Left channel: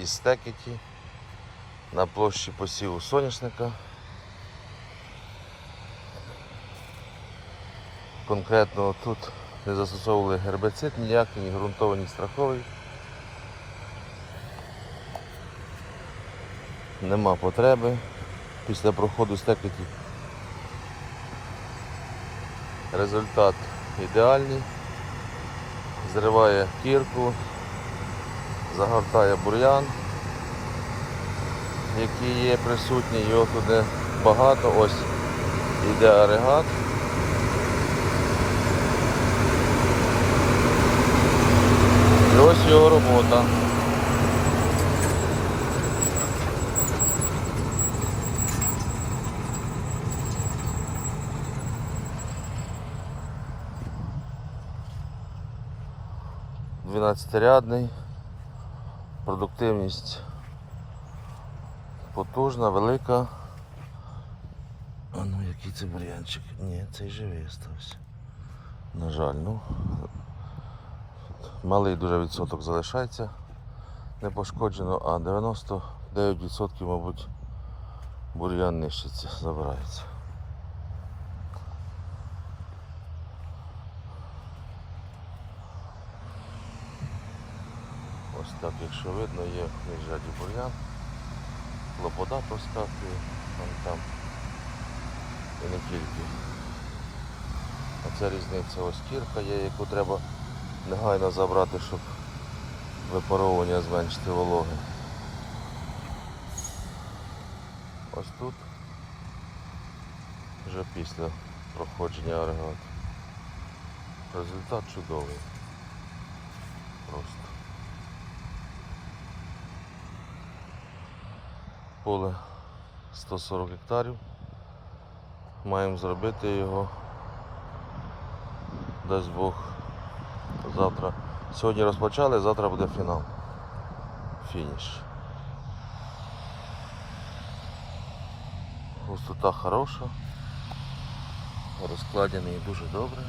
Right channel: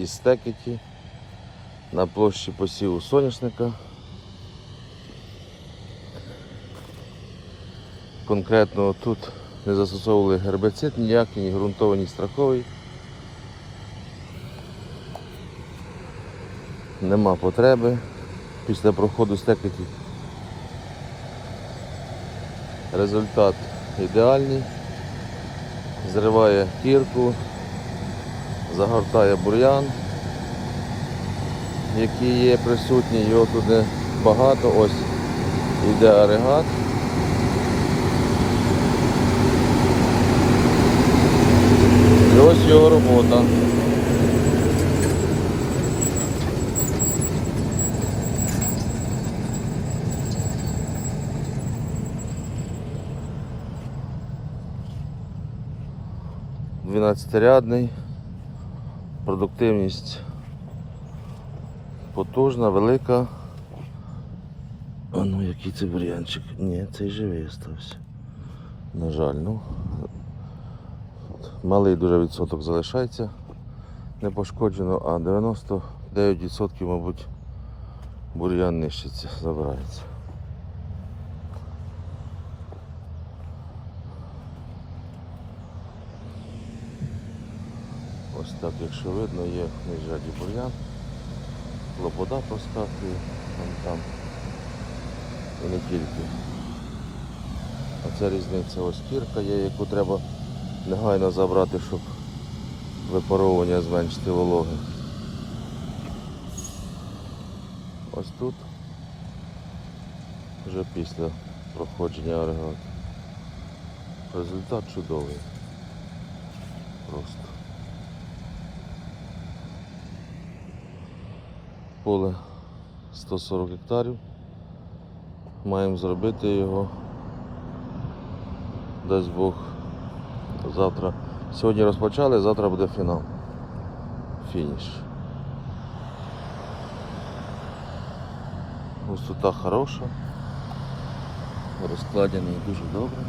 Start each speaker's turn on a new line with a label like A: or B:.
A: із стекеті на площі посіву соняшника. Конкретно тут не застосовували гербицид ніякий, ні ґрунтовий, ні страховий. Нема потреби після проходу стекеті. Результат ідеальний. Зриває кірку, загортає бур'ян, який є присутній, його тут багато. Ось іде агрегат. Ось його робота. Дванадцятирядний, продуктивність потужна, велика. А ну який це бур'янчик? Ні, цей живий остався. На жаль, ну. Малий дуже відсоток залишається не пошкоджено, а 99% мабуть бур'ян нищиться, забирається. Ось так, якщо видно, є в міжряді бур'ян, лобода проскакує, там і не тільки. А ця різниця ось кірка є, яку треба негайно забрати, щоб випаровування зменшити вологи. Ось тут вже після проходження агрегату. Результат чудовий. Просто. Поле 140 гектарів. Маємо зробити його. Дасть Бог завтра. Сьогодні розпочали, завтра буде фінал. Фініш. Густота хороша. Розкладений дуже добре.